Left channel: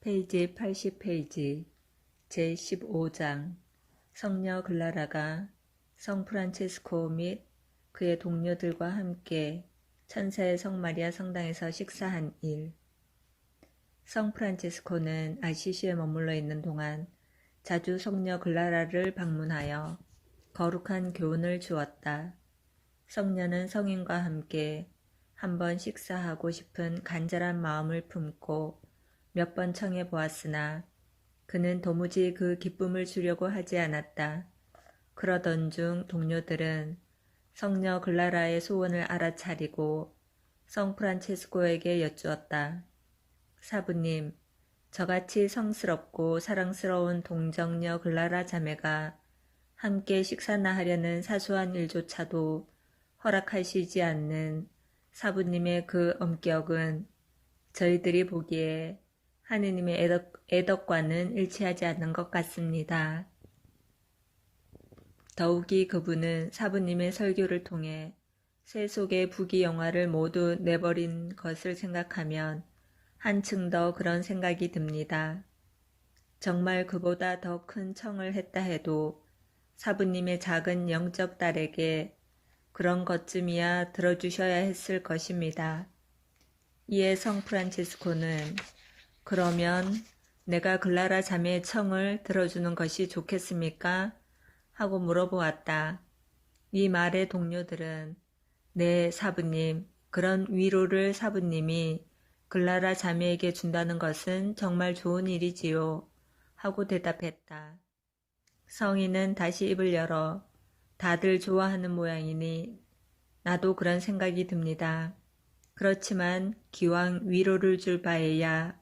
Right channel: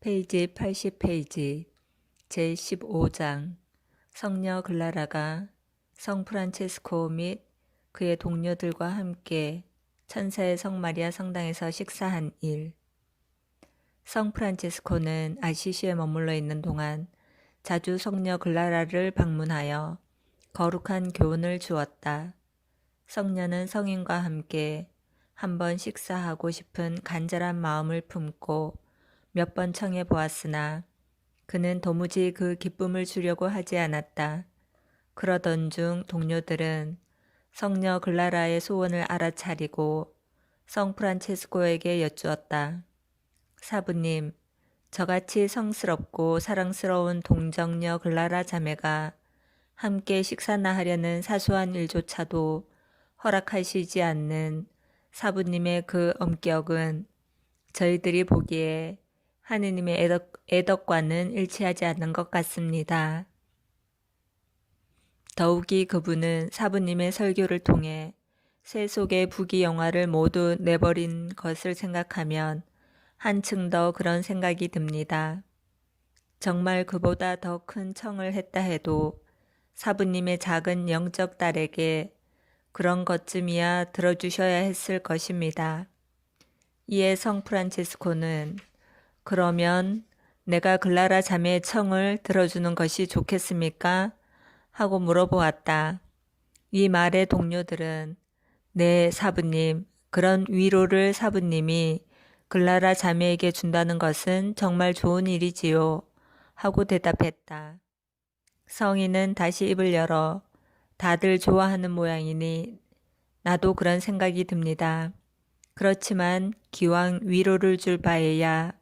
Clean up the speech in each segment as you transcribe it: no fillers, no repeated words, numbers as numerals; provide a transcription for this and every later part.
페이지 80페이지 제15장 성녀 글라라가 성 프란체스코 및 그의 동료들과 함께 천사의 성 마리아 성당에서 식사한 일. 성 프란체스코는 아시시에 머물러 있는 동안 자주 성녀 글라라를 방문하여 거룩한 교훈을 주었다. 성녀는 성인과 함께 한번 식사하고 싶은 간절한 마음을 품고 몇 번 청해 보았으나 그는 도무지 그 기쁨을 주려고 하지 않았다. 그러던 중 동료들은 성녀 글라라의 소원을 알아차리고 성 프란체스코에게 여쭈었다. 사부님, 저같이 성스럽고 사랑스러운 동정녀 글라라 자매가 함께 식사나 하려는 사소한 일조차도 허락하시지 않는 사부님의 그 엄격은 저희들이 보기에 하느님의 애덕과는 일치하지 않는 것 같습니다. 더욱이 그분은 사부님의 설교를 통해 세속의 부귀영화를 모두 내버린 것을 생각하면 한층 더 그런 생각이 듭니다. 정말 그보다 더 큰 청을 했다 해도 사부님의 작은 영적 딸에게 그런 것쯤이야 들어주셔야 했을 것입니다. 이에 성 프란체스코는 그러면 내가 글라라 자매의 청을 들어주는 것이 좋겠습니까? 하고 물어보았다. 이 말의 동료들은 네, 사부님, 그런 위로를 사부님이 글라라 자매에게 준다는 것은 정말 좋은 일이지요. 하고 대답했다. 성인은 다시 입을 열어 다들 좋아하는 모양이니 나도 그런 생각이 듭니다. 그렇지만 기왕 위로를 줄 바에야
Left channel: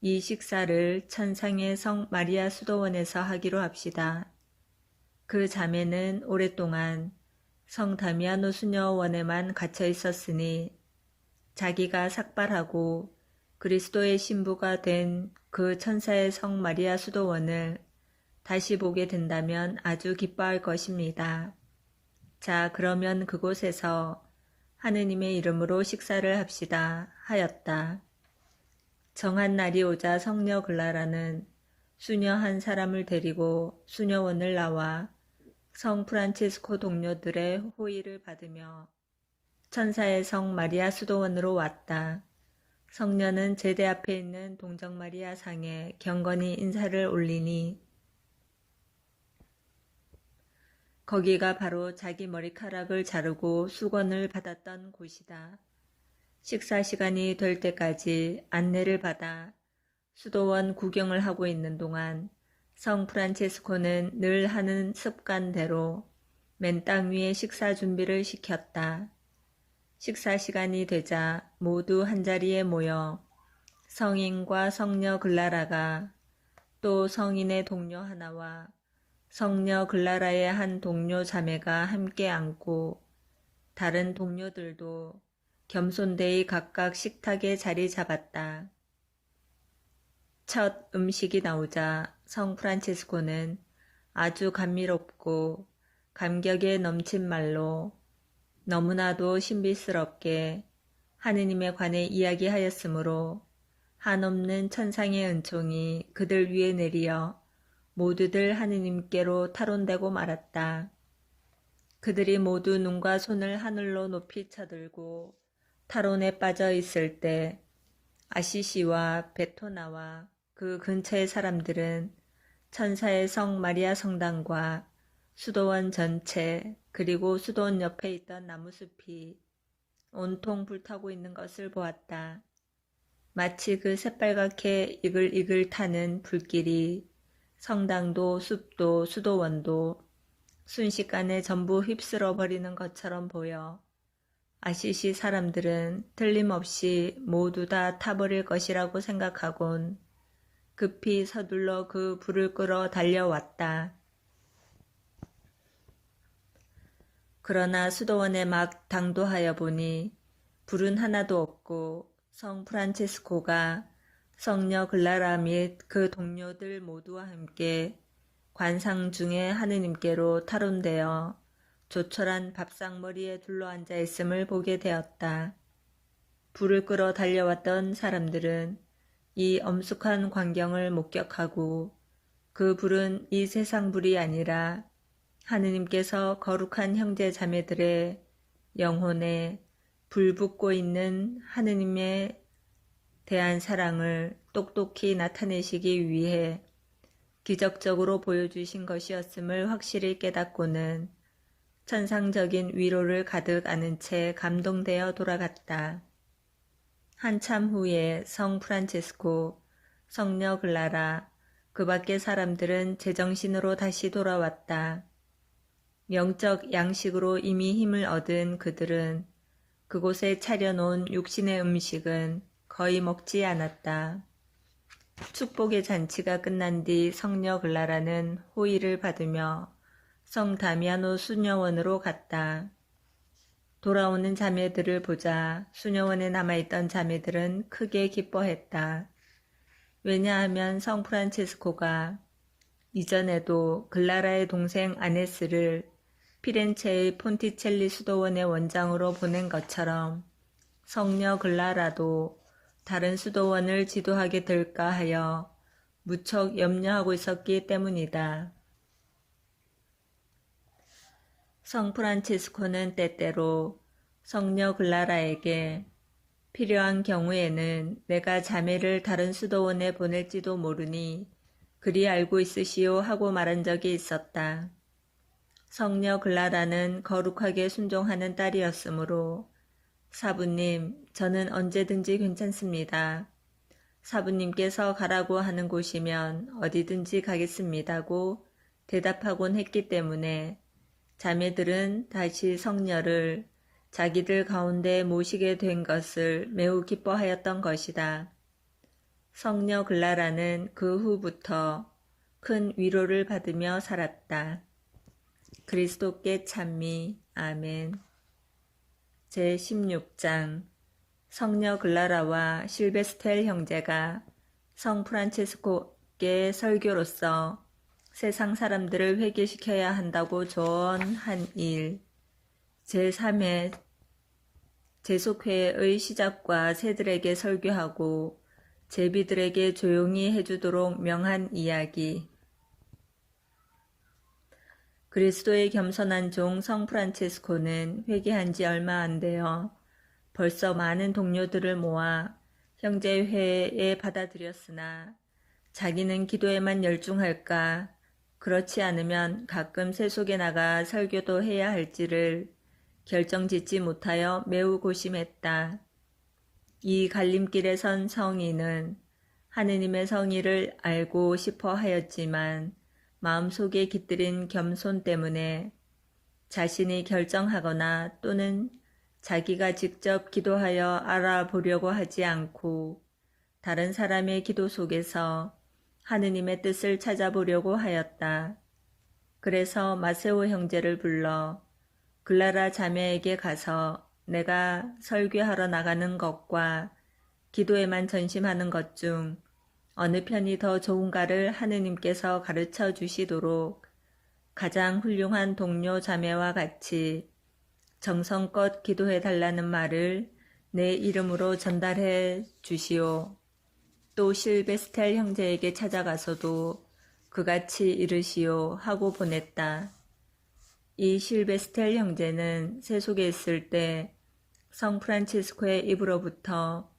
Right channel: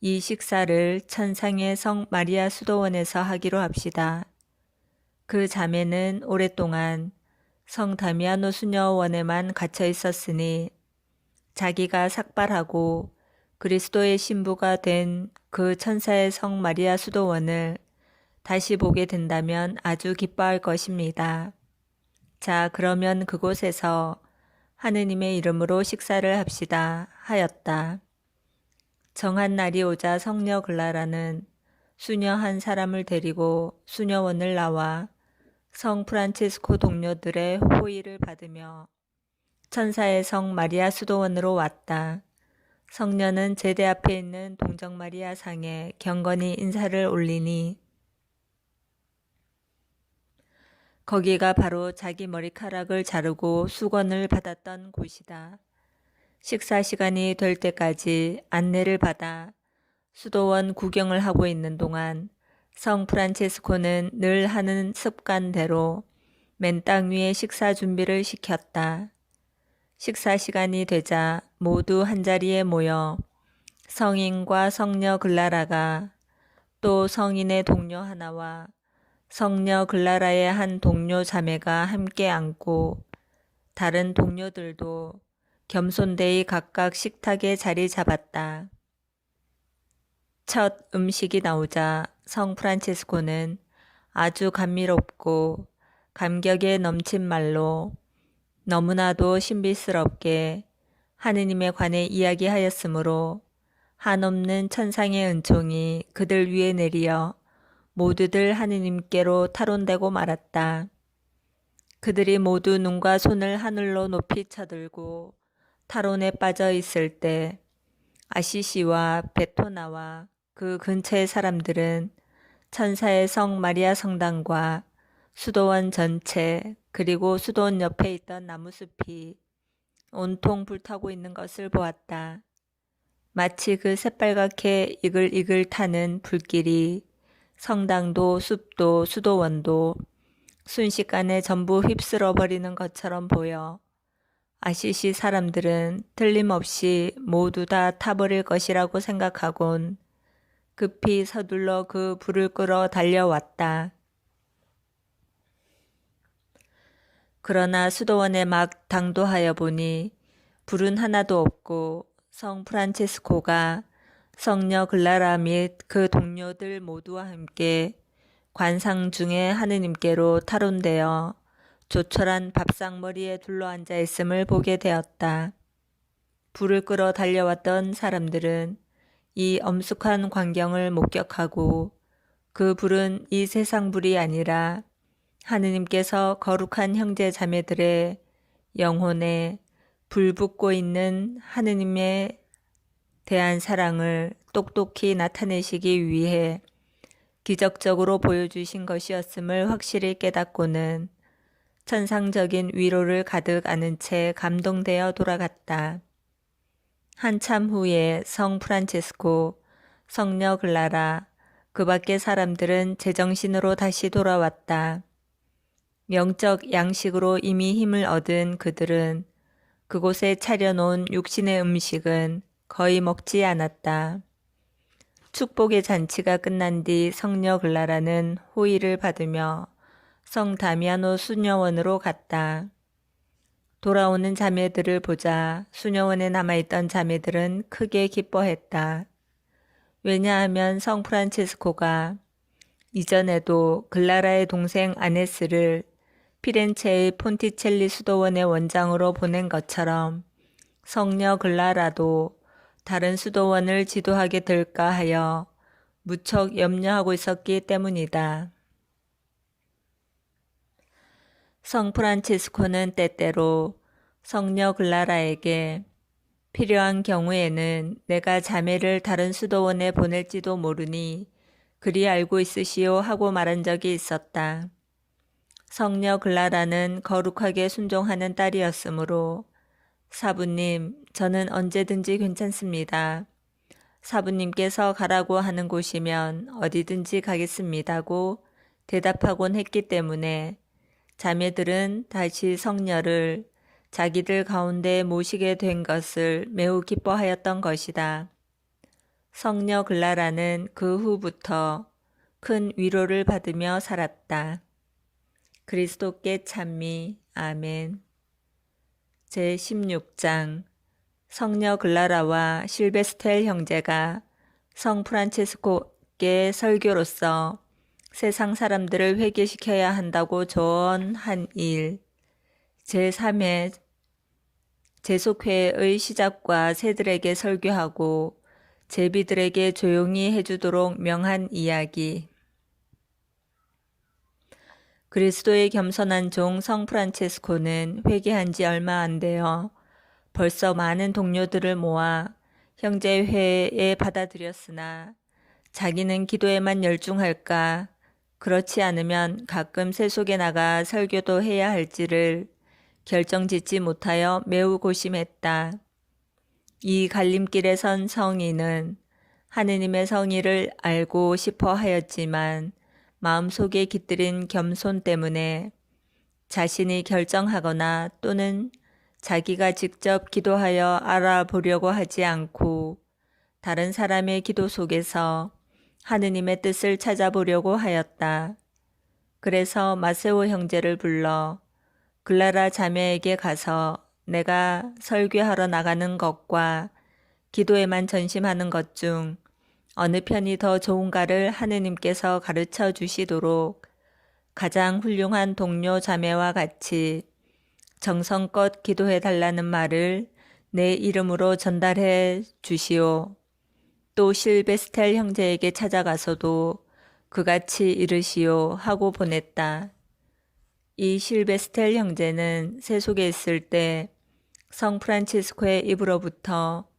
이 식사를 천상의 성 마리아 수도원에서 하기로 합시다. 그 자매는 오랫동안 성 다미아노 수녀원에만 갇혀 있었으니 자기가 삭발하고 그리스도의 신부가 된 그 천사의 성 마리아 수도원을 다시 보게 된다면 아주 기뻐할 것입니다. 자, 그러면 그곳에서 하느님의 이름으로 식사를 합시다 하였다. 정한 날이 오자 성녀 글라라는 수녀 한 사람을 데리고 수녀원을 나와 성 프란체스코 동료들의 호의를 받으며 천사의 성 마리아 수도원으로 왔다. 성녀는 제대 앞에 있는 동정 마리아 상에 경건히 인사를 올리니 거기가 바로 자기 머리카락을 자르고 수건을 받았던 곳이다. 식사 시간이 될 때까지 안내를 받아 수도원 구경을 하고 있는 동안 성 프란체스코는 늘 하는 습관대로 맨 땅 위에 식사 준비를 시켰다. 식사 시간이 되자 모두 한자리에 모여 성인과 성녀 글라라가 또 성인의 동료 하나와 성녀 글라라의 한 동료 자매가 함께 앉고 다른 동료들도 겸손되이 각각 식탁에 자리 잡았다. 첫 음식이 나오자 성 프란체스코는 아주 감미롭고 감격에 넘친 말로 너무나도 신비스럽게 하느님에 관해 이야기하였으므로 한없는 천상의 은총이 그들 위에 내리어 모두들 하느님께로 타론되고 말았다. 그들이 모두 눈과 손을 하늘로 높이 쳐들고 타론에 빠져 있을 때 아시시와 베토나와 그 근처의 사람들은 천사의 성 마리아 성당과 수도원 전체 그리고 수도원 옆에 있던 나무숲이 온통 불타고 있는 것을 보았다. 마치 그 새빨갛게 이글이글 타는 불길이 성당도 숲도 수도원도 순식간에 전부 휩쓸어 버리는 것처럼 보여 아시시 사람들은 틀림없이 모두 다 타버릴 것이라고 생각하곤 급히 서둘러 그 불을 끌어 달려왔다. 그러나 수도원에 막 당도하여 보니 불은 하나도 없고 성 프란체스코가 성녀 글라라 및 그 동료들 모두와 함께 관상 중에 하느님께로 타론되어 조촐한 밥상머리에 둘러앉아 있음을 보게 되었다. 불을 끌어 달려왔던 사람들은 이 엄숙한 광경을 목격하고 그 불은 이 세상 불이 아니라 하느님께서 거룩한 형제 자매들의 영혼에 불붙고 있는 하느님에 대한 사랑을 똑똑히 나타내시기 위해 기적적으로 보여주신 것이었음을 확실히 깨닫고는 천상적인 위로를 가득 안은 채 감동되어 돌아갔다. 한참 후에 성 프란체스코, 성녀 글라라, 그 밖의 사람들은 제정신으로 다시 돌아왔다. 영적 양식으로 이미 힘을 얻은 그들은 그곳에 차려놓은 육신의 음식은 거의 먹지 않았다. 축복의 잔치가 끝난 뒤 성녀 글라라는 호의를 받으며 성 다미아노 수녀원으로 갔다. 돌아오는 자매들을 보자 수녀원에 남아있던 자매들은 크게 기뻐했다. 왜냐하면 성 프란체스코가 이전에도 글라라의 동생 아네스를 피렌체의 폰티첼리 수도원의 원장으로 보낸 것처럼 성녀 글라라도 다른 수도원을 지도하게 될까 하여 무척 염려하고 있었기 때문이다. 성 프란치스코는 때때로 성녀 글라라에게 필요한 경우에는 내가 자매를 다른 수도원에 보낼지도 모르니 그리 알고 있으시오 하고 말한 적이 있었다. 성녀 글라라는 거룩하게 순종하는 딸이었으므로 사부님, 저는 언제든지 괜찮습니다. 사부님께서 가라고 하는 곳이면 어디든지 가겠습니다고 대답하곤 했기 때문에 자매들은 다시 성녀를 자기들 가운데 모시게 된 것을 매우 기뻐하였던 것이다. 성녀 글라라는 그 후부터 큰 위로를 받으며 살았다. 그리스도께 찬미. 아멘. 제16장 성녀 글라라와 실베스텔 형제가 성 프란체스코께 설교로서 세상 사람들을 회개시켜야 한다고 조언한 일. 제3회 제속회의 시작과 새들에게 설교하고 제비들에게 조용히 해주도록 명한 이야기. 그리스도의 겸손한 종 성 프란체스코는 회개한 지 얼마 안 되어 벌써 많은 동료들을 모아 형제회에 받아들였으나 자기는 기도에만 열중할까, 그렇지 않으면 가끔 세속에 나가 설교도 해야 할지를 결정짓지 못하여 매우 고심했다. 이 갈림길에 선 성인은 하느님의 성의를 알고 싶어 하였지만 마음속에 깃들인 겸손 때문에 자신이 결정하거나 또는 자기가 직접 기도하여 알아보려고 하지 않고 다른 사람의 기도 속에서 하느님의 뜻을 찾아보려고 하였다. 그래서 마세오 형제를 불러 글라라 자매에게 가서 내가 설교하러 나가는 것과 기도에만 전심하는 것 중 어느 편이 더 좋은가를 하느님께서 가르쳐 주시도록 가장 훌륭한 동료 자매와 같이 정성껏 기도해 달라는 말을 내 이름으로 전달해 주시오. 또 실베스텔 형제에게 찾아가서도 그같이 이르시오 하고 보냈다. 이 실베스텔 형제는 세속에 있을 때 성 프란치스코의 입으로부터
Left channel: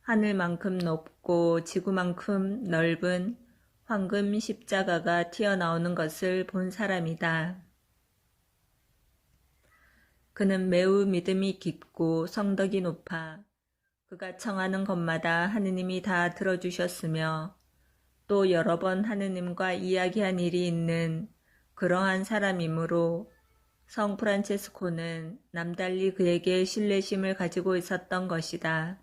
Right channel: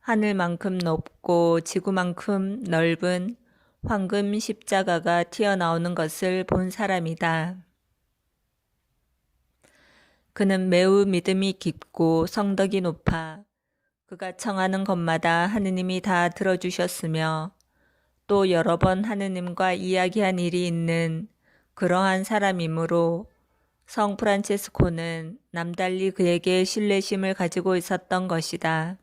하늘만큼 높고 지구만큼 넓은 황금 십자가가 튀어나오는 것을 본 사람이다. 그는 매우 믿음이 깊고 성덕이 높아 그가 청하는 것마다 하느님이 다 들어주셨으며 또 여러 번 하느님과 이야기한 일이 있는 그러한 사람이므로 성 프란체스코는 남달리 그에게 신뢰심을 가지고 있었던 것이다.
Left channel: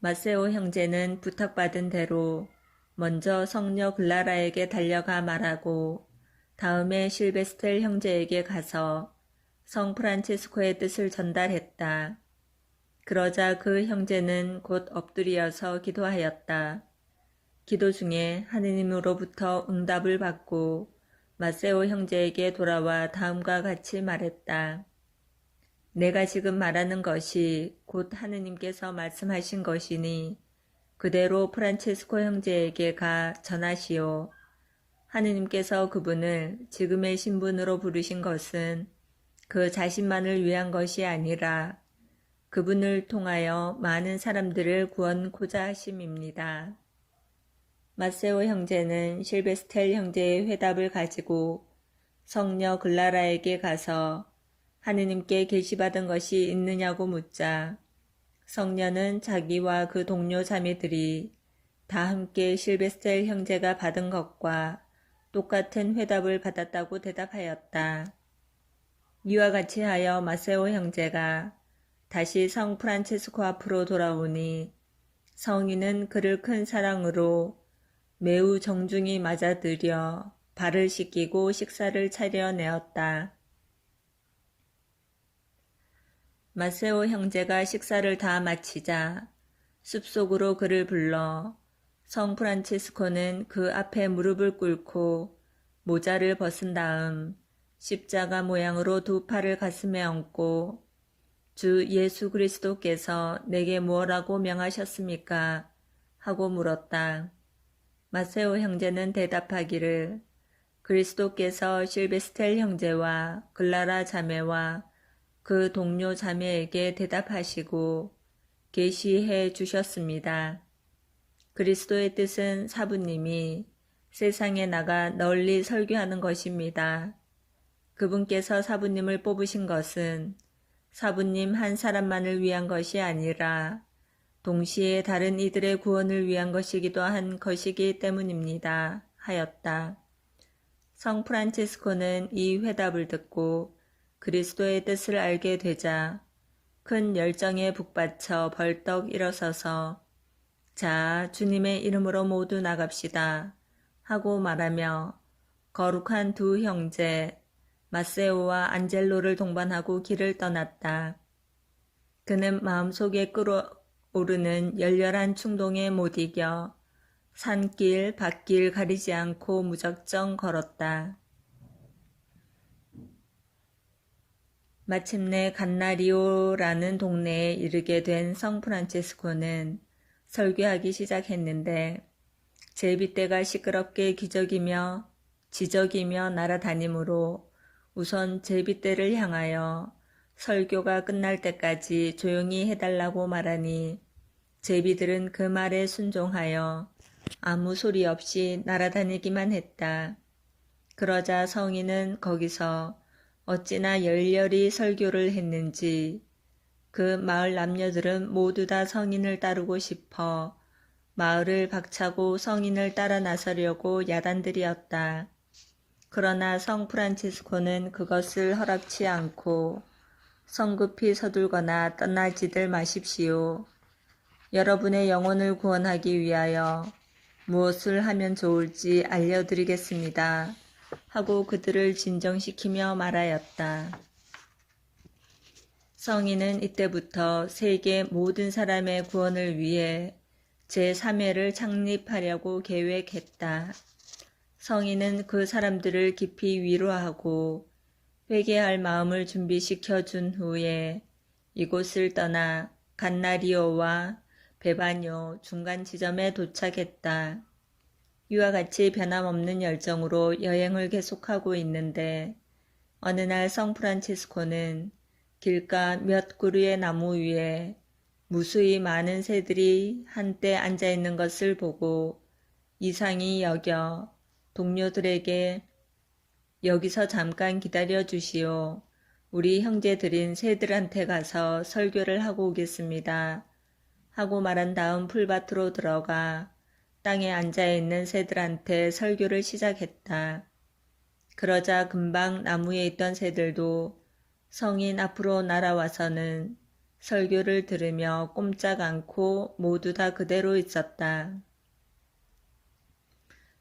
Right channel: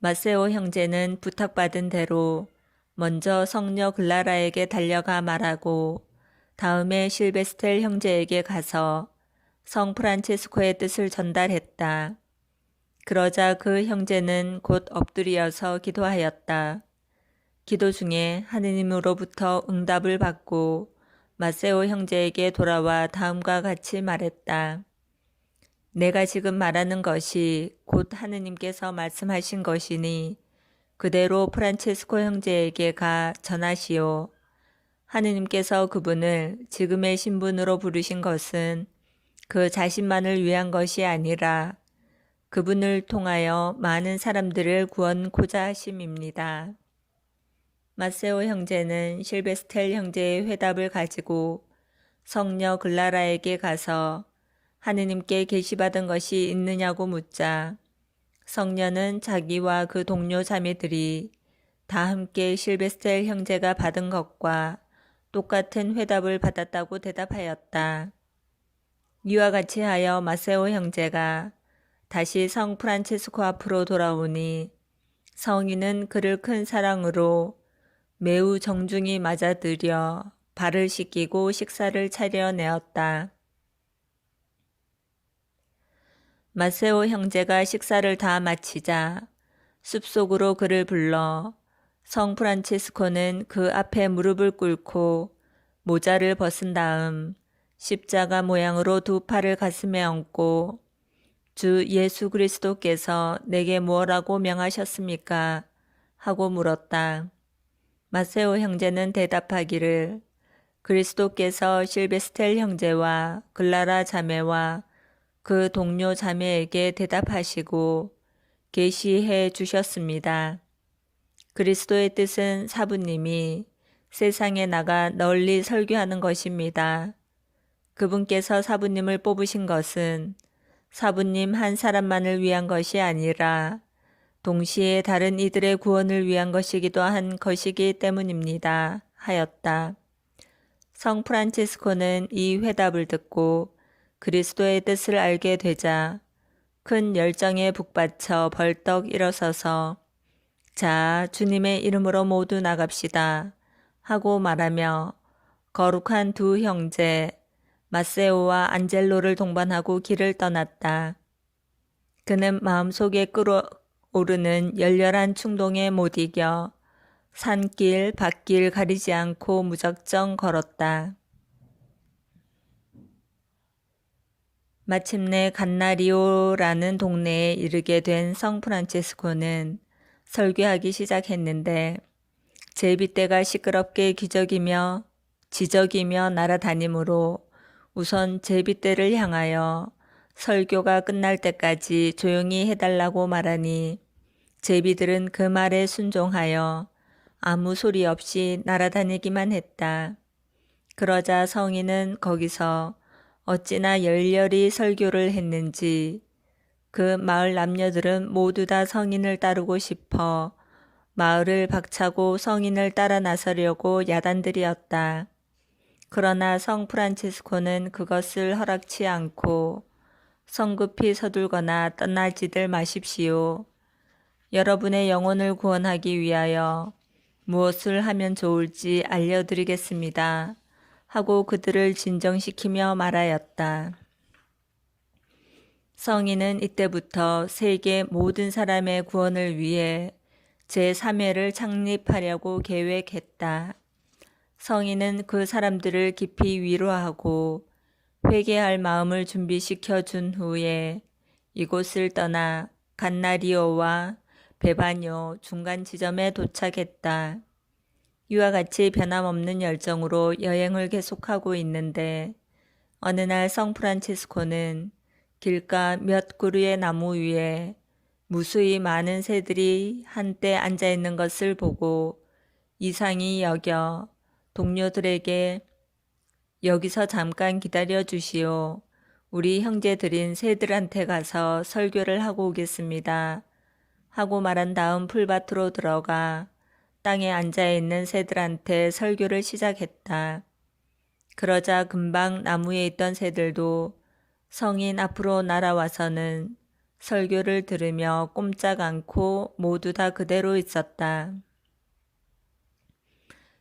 마세오 형제는 부탁받은 대로 먼저 성녀 글라라에게 달려가 말하고 다음에 실베스텔 형제에게 가서 성 프란체스코의 뜻을 전달했다. 그러자 그 형제는 곧 엎드려서 기도하였다. 기도 중에 하느님으로부터 응답을 받고 마세오 형제에게 돌아와 다음과 같이 말했다. 내가 지금 말하는 것이 곧 하느님께서 말씀하신 것이니 그대로 프란체스코 형제에게 가 전하시오. 하느님께서 그분을 지금의 신분으로 부르신 것은 그 자신만을 위한 것이 아니라 그분을 통하여 많은 사람들을 구원코자 하심입니다. 마세오 형제는 실베스텔 형제의 회답을 가지고 성녀 글라라에게 가서 하느님께 계시받은 것이 있느냐고 묻자 성녀는 자기와 그 동료 자매들이 다 함께 실베스텔 형제가 받은 것과 똑같은 회답을 받았다고 대답하였다. 이와 같이 하여 마세오 형제가 다시 성 프란체스코 앞으로 돌아오니 성인은 그를 큰 사랑으로 매우 정중히 맞아들여 발을 씻기고 식사를 차려내었다. 마세오 형제가 식사를 다 마치자 숲속으로 그를 불러 성 프란체스코는 그 앞에 무릎을 꿇고 모자를 벗은 다음 십자가 모양으로 두 팔을 가슴에 얹고 주 예수 그리스도께서 내게 무엇라고 명하셨습니까? 하고 물었다. 마세오 형제는 대답하기를 그리스도께서 실베스텔 형제와 글라라 자매와 그 동료 자매에게 대답하시고 계시해 주셨습니다. 그리스도의 뜻은 사부님이 세상에 나가 널리 설교하는 것입니다. 그분께서 사부님을 뽑으신 것은 사부님 한 사람만을 위한 것이 아니라 동시에 다른 이들의 구원을 위한 것이기도 한 것이기 때문입니다. 하였다. 성 프란치스코는 이 회답을 듣고 그리스도의 뜻을 알게 되자 큰 열정에 북받쳐 벌떡 일어서서 자, 주님의 이름으로 모두 나갑시다 하고 말하며 거룩한 두 형제 마세오와 안젤로를 동반하고 길을 떠났다. 그는 마음속에 끓어오르는 열렬한 충동에 못 이겨 산길, 밭길 가리지 않고 무작정 걸었다. 마침내 간나리오라는 동네에 이르게 된 성 프란체스코는 설교하기 시작했는데 제비떼가 시끄럽게 지저귀며 날아다니므로 우선 제비떼를 향하여 설교가 끝날 때까지 조용히 해달라고 말하니 제비들은 그 말에 순종하여 아무 소리 없이 날아다니기만 했다. 그러자 성인은 거기서 어찌나 열렬히 설교를 했는지 그 마을 남녀들은 모두 다 성인을 따르고 싶어 마을을 박차고 성인을 따라 나서려고 야단들이었다. 그러나 성 프란치스코는 그것을 허락치 않고 성급히 서둘거나 떠나지들 마십시오. 여러분의 영혼을 구원하기 위하여 무엇을 하면 좋을지 알려드리겠습니다. 하고 그들을 진정시키며 말하였다. 성인은 이때부터 세계 모든 사람의 구원을 위해 제3회를 창립하려고 계획했다. 성인은 그 사람들을 깊이 위로하고 회개할 마음을 준비시켜 준 후에 이곳을 떠나 간나리오와 베바뇨 중간 지점에 도착했다. 이와 같이 변함없는 열정으로 여행을 계속하고 있는데 어느 날 성 프란치스코는 길가 몇 그루의 나무 위에 무수히 많은 새들이 한때 앉아 있는 것을 보고 이상히 여겨 동료들에게 여기서 잠깐 기다려 주시오. 우리 형제들인 새들한테 가서 설교를 하고 오겠습니다. 하고 말한 다음 풀밭으로 들어가 땅에 앉아있는 새들한테 설교를 시작했다. 그러자 금방 나무에 있던 새들도 성인 앞으로 날아와서는 설교를 들으며 꼼짝 않고 모두 다 그대로 있었다.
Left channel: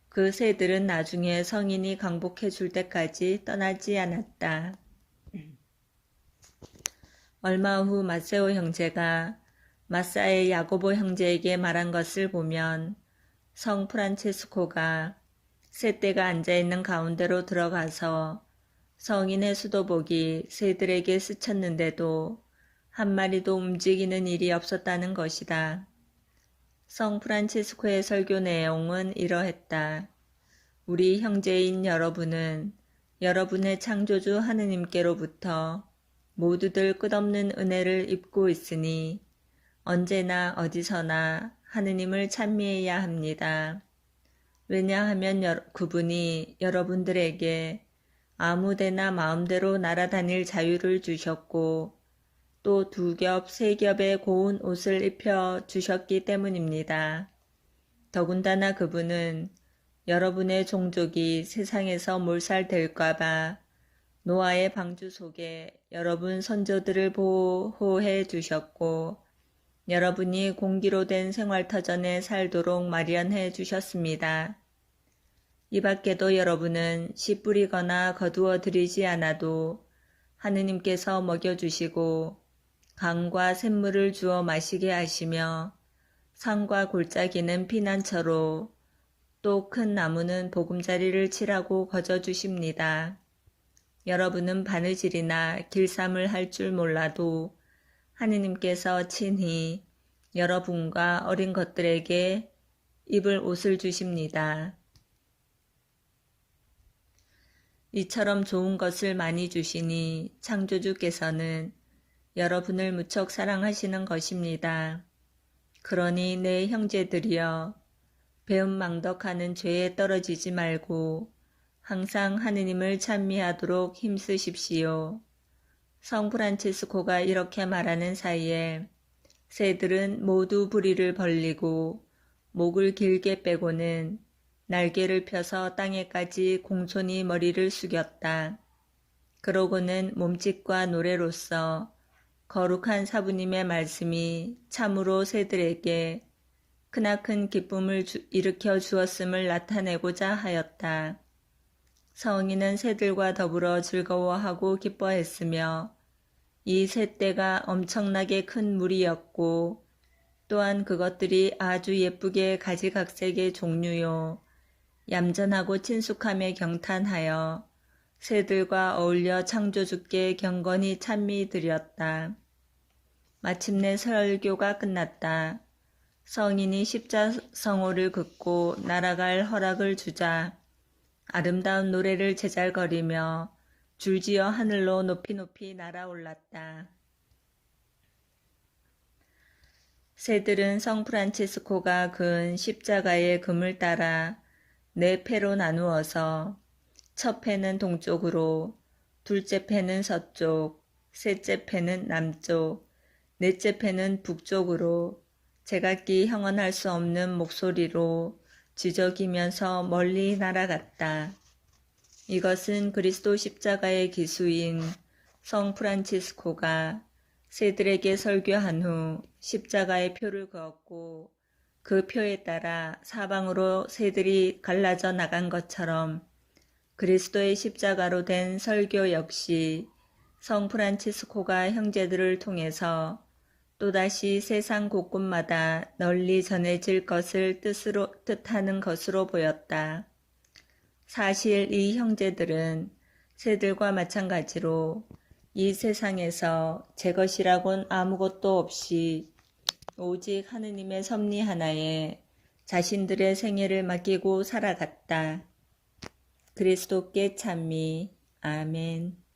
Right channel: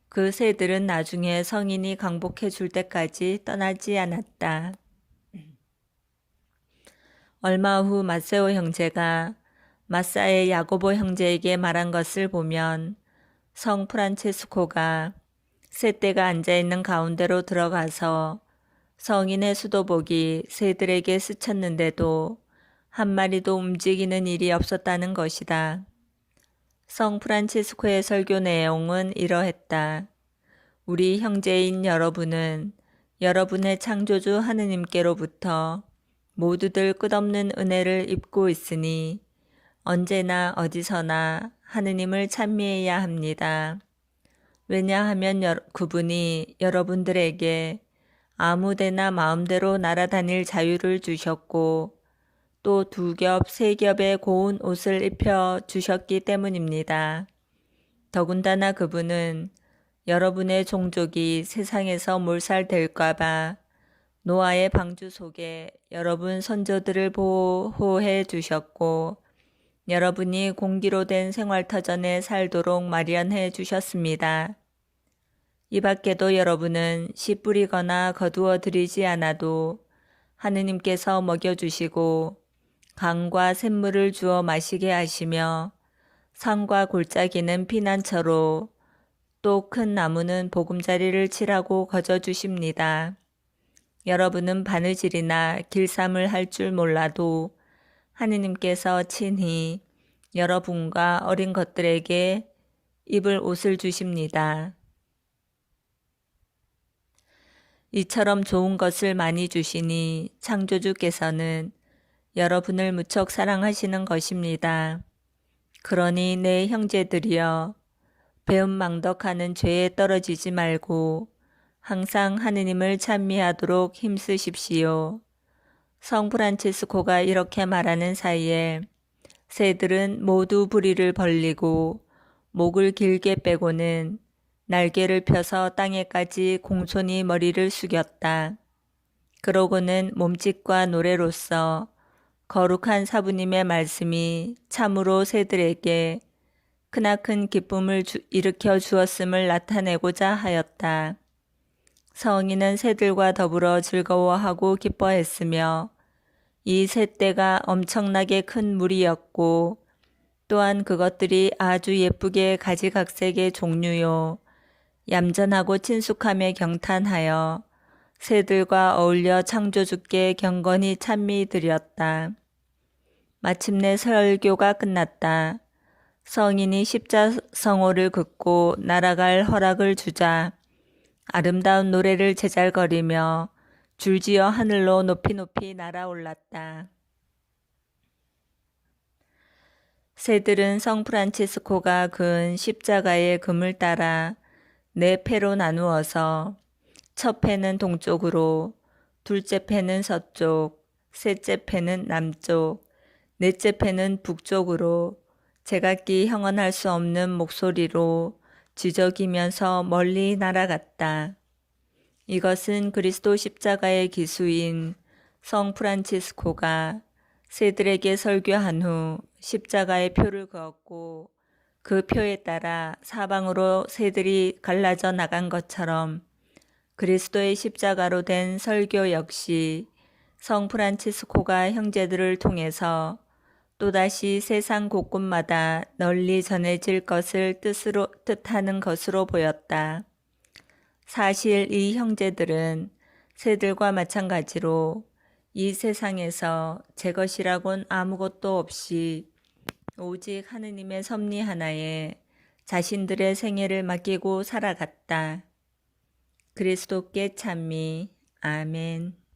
그 새들은 나중에 성인이 강복해 줄 때까지 떠나지 않았다. 얼마 후 마세오 형제가 마사의 야고보 형제에게 말한 것을 보면 성 프란체스코가 새떼가 앉아있는 가운데로 들어가서 성인의 수도복이 새들에게 스쳤는데도 한 마리도 움직이는 일이 없었다는 것이다. 성 프란치스코의 설교 내용은 이러했다. 우리 형제인 여러분은 여러분의 창조주 하느님께로부터 모두들 끝없는 은혜를 입고 있으니 언제나 어디서나 하느님을 찬미해야 합니다. 왜냐하면 그분이 여러분들에게 아무데나 마음대로 날아다닐 자유를 주셨고 또 2겹, 3겹의 고운 옷을 입혀 주셨기 때문입니다. 더군다나 그분은 여러분의 종족이 세상에서 몰살될까봐 노아의 방주 속에 여러분 선조들을 보호해 주셨고 여러분이 공기로 된 생활터전에 살도록 마련해 주셨습니다. 이 밖에도 여러분은 씨 뿌리거나 거두어 들이지 않아도 하느님께서 먹여주시고 강과 샘물을 주어 마시게 하시며 산과 골짜기는 피난처로 또 큰 나무는 보금자리를 치라고 거저주십니다. 여러분은 바느질이나 길쌈을 할 줄 몰라도 하느님께서 친히 여러분과 어린 것들에게 입을 옷을 주십니다. 이처럼 좋은 것을 많이 주시니 창조주께서는 여러분을 무척 사랑하시는 것입니다. 그러니 내 형제들이여 배은망덕하는 죄에 떨어지지 말고 항상 하느님을 찬미하도록 힘쓰십시오. 성 프란치스코가 이렇게 말하는 사이에 새들은 모두 부리를 벌리고 목을 길게 빼고는 날개를 펴서 땅에까지 공손히 머리를 숙였다. 그러고는 몸짓과 노래로서 거룩한 사부님의 말씀이 참으로 새들에게 크나큰 기쁨을 일으켜 주었음을 나타내고자 하였다. 성인은 새들과 더불어 즐거워하고 기뻐했으며 이 새떼가 엄청나게 큰 무리였고 또한 그것들이 아주 예쁘게 가지각색의 종류요 얌전하고 친숙함에 경탄하여 새들과 어울려 창조주께 경건히 찬미 드렸다. 마침내 설교가 끝났다. 성인이 십자성호를 긋고 날아갈 허락을 주자 아름다운 노래를 제잘거리며 줄지어 하늘로 높이 높이 날아올랐다. 새들은 성 프란치스코가 그은 십자가의 금을 따라 4패로 나누어서 첫 패는 동쪽으로, 둘째 패는 서쪽, 셋째 패는 남쪽, 넷째 패는 북쪽으로 제각기 형언할 수 없는 목소리로 지저귀면서 멀리 날아갔다. 이것은 그리스도 십자가의 기수인 성 프란치스코가 새들에게 설교한 후 십자가의 표를 그었고 그 표에 따라 사방으로 새들이 갈라져 나간 것처럼 그리스도의 십자가로 된 설교 역시 성 프란치스코가 형제들을 통해서 또다시 세상 곳곳마다 널리 전해질 것을 뜻하는 것으로 보였다. 사실 이 형제들은 새들과 마찬가지로 이 세상에서 제 것이라곤 아무것도 없이 오직 하느님의 섭리 하나에 자신들의 생애를 맡기고 살아갔다. 그리스도께 찬미. 아멘.